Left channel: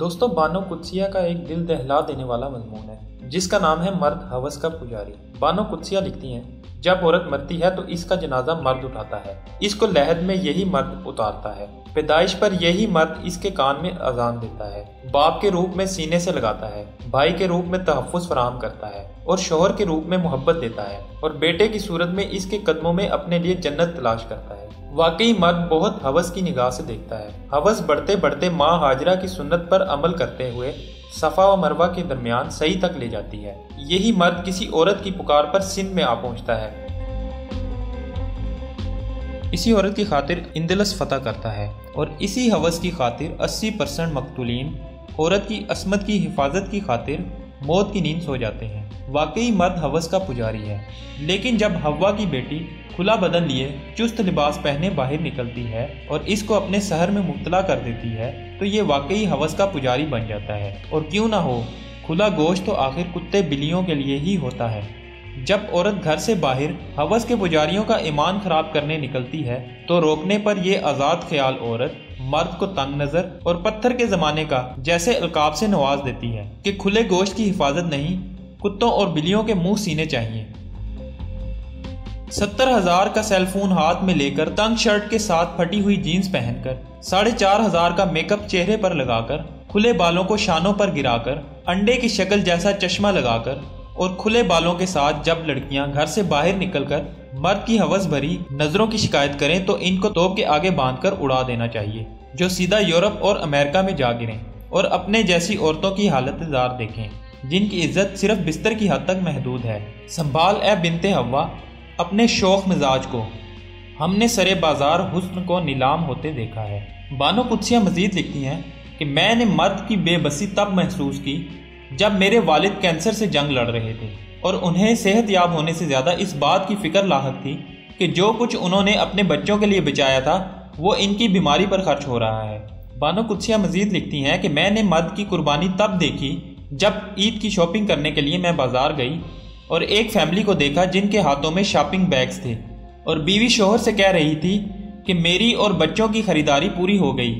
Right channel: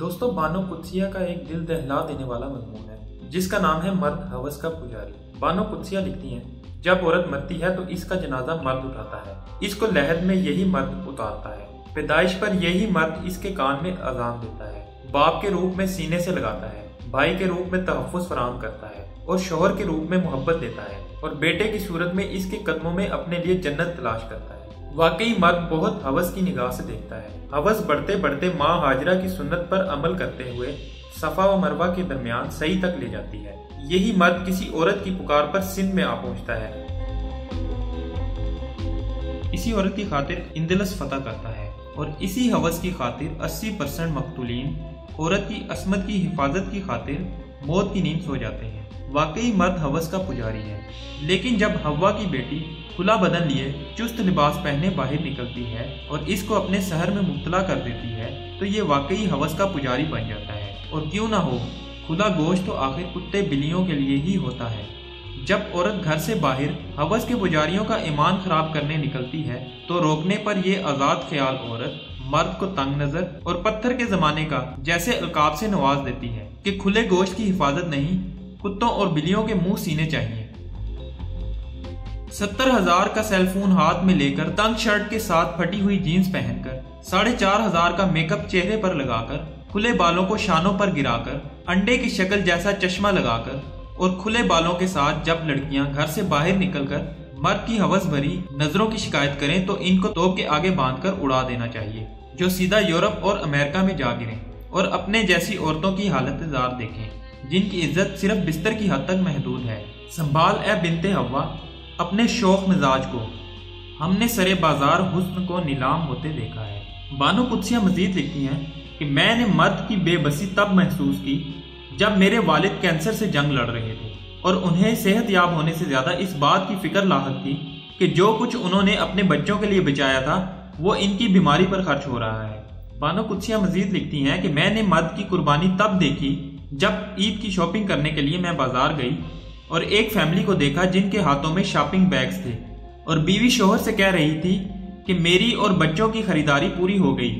दोस्तों, बानो कुदसिया का एक दिल दहला देने वाला मजमून है जिसका नाम है मर्द हवस का पुजारी। बानो कुदसिया लिखती हैं, जब औरत मरती है तो इसका जनाजा मर्द उठाता है, इसको लहद में यही मर्द उतारता है, पैदाइश पर यही मर्द इसके कान में अजान देता है, बाप के रूप में सीने से लगाता है, भाई के रूप में तहफ़्फ़ुज़ फराहम करता है और शोहर के रूप में मोहब्बत देता है और बेटे की सूरत में इसके कदमों में अपने लिए जन्नत तलाश करता है। वाकई मर्द बहुत हवस की निगाह से देखता है। हवस बढ़ते बढ़ते माँ हाजरा की सुन्नत पर अमल करते हुए सफा व मरवा के दरमियान सही तक ले जाती है। यही मर्द किसी औरत की पुकार पर सिंध में आ पहुंचता है, इसी औरत की खातिर इंदलस फतह करता है और इसी हवस की खातिर 80% मकतूलीन औरत की असमत की हिफाजत की खातिर मौत की नींद सो जाते हैं। वाकई मर्द हवस का पुजारी है। लेकिन जब हव्वा की बेटी खुला बदन लिए चुस्त लिबास पहने बाहर निकलती है और इसको अपने शहर में मुब्तला कर देती है तो ये वाकई हवस का पुजारी बन जाता है। और क्यों ना हो, खुला गोश्त तो आखिर कुत्ते बिल्लियों के लिए ही होता है। जब औरत घर से बाहर हवस के पुजारियों का ईमान खराब करने निकलती है तो रोकने पर यह आज़ाद ख्याल औरत मर्द को तंग नजर और पत्थर के जमाने का जैसे अलकाब से नवाज देती है कि खुले गोश्त की हिफाजत नहीं, कुत्तों और बिल्लियों के मुंह सीने चाहिए। 70,000 का सेलफोन हाथ में लेकर, तंग शर्ट के साथ फटी हुई जीन्स पहनकर, 4,500 का मेकअप चेहरे पर लगाकर, खुले बालों को शानों पर गिराकर, अंडे की शक्ल जैसा चश्मा लगाकर और खुले बालों के साथ जब लड़कियां घर से बाहर निकलकर मर्द की हवस भरी नजरों की शिकायत करें तो इनको तोप के आगे बांधकर उड़ा देना चाहिए, जो सीधा यूरोप और अमेरिका में जा गिरें और अपने जैसी औरतों की हालत जार देखें जिनकी इज्जत सिर्फ बिस्तर की हद तक महदूद है। संभाल ए बिनते हव्वा अपने शौक मिजाज को, हमने सरे बाजार हुस्न को नीलाम होते देखा है। बानो कुदसिया मजीद लिखती हैं कि मैंने मर्द की बेबसी तब महसूस की जब मेरे वालिद कैंसर से जंग लड़ रहे थे और उन्हें सेहत याब होने से ज़्यादा इस बात की फिक्र लाहक थी कि जो कुछ उन्होंने अपने बच्चों के लिए बचाया था वो इनकी बीमारी पर खर्च हो रहा है। बानो कुदसिया मजीद लिखती हैं कि मैंने मर्द की कुर्बानी तब देखी जब ईद की शॉपिंग करने के लिए मैं बाजार गई और एक फैमिली को देखा जिनके हाथों में शॉपिंग बैग्स थे और बीवी शोहर से कह रही थी कि मेरी और बच्चों की खरीदारी पूरी हो गई,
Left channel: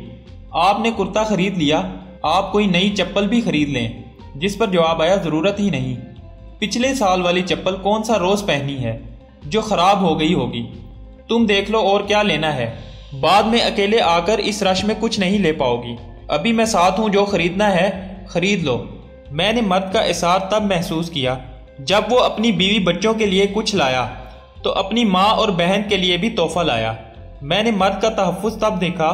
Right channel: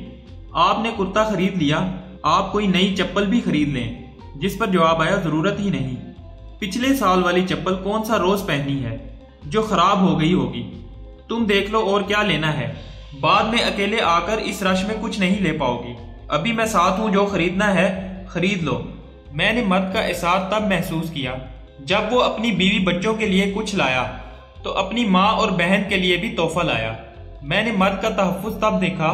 आपने कुर्ता खरीद लिया, आप कोई नई चप्पल भी खरीद लें। जिस पर जवाब आया, ज़रूरत ही नहीं, पिछले साल वाली चप्पल कौन सा रोज़ पहनी है जो ख़राब हो गई होगी, तुम देख लो और क्या लेना है, बाद में अकेले आकर इस रश में कुछ नहीं ले पाओगी, अभी मैं साथ हूँ, जो खरीदना है खरीद लो। मैंने मर्द का एहसास तब महसूस किया जब वो अपनी बीवी बच्चों के लिए कुछ लाया तो अपनी माँ और बहन के लिए भी तोहफा लाया। मैंने मर्द का तहफ़्फ़ुज़ तब देखा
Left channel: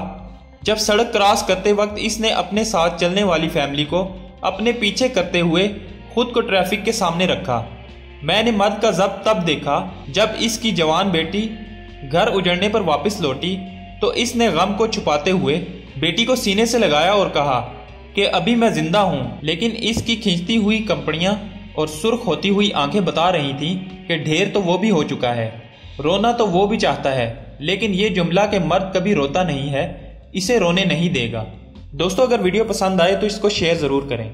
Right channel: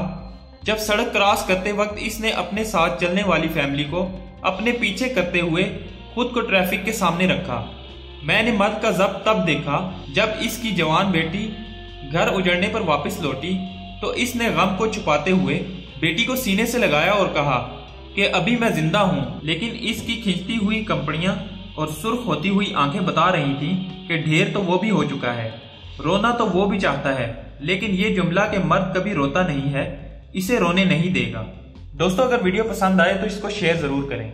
जब सड़क क्रॉस करते वक्त इसने अपने साथ चलने वाली फैमिली को अपने पीछे करते हुए खुद को ट्रैफिक के सामने रखा। मैंने मर्द का ज़ब्त तब देखा जब इसकी जवान बेटी घर उजड़ने पर वापस लौटी तो इसने गम को छुपाते हुए बेटी को सीने से लगाया और कहा कि अभी मैं जिंदा हूँ, लेकिन इसकी खींचती हुई कंपनियां और सुर्ख होती हुई आंखें बता रही थीं कि ढेर तो वो भी हो चुका है, रोना तो वो भी चाहता है, लेकिन ये जुमला कि मर्द कभी रोता नहीं है इसे रोने नहीं देगा। दोस्तों, अगर वीडियो पसंद आए तो इसको शेयर ज़रूर करें।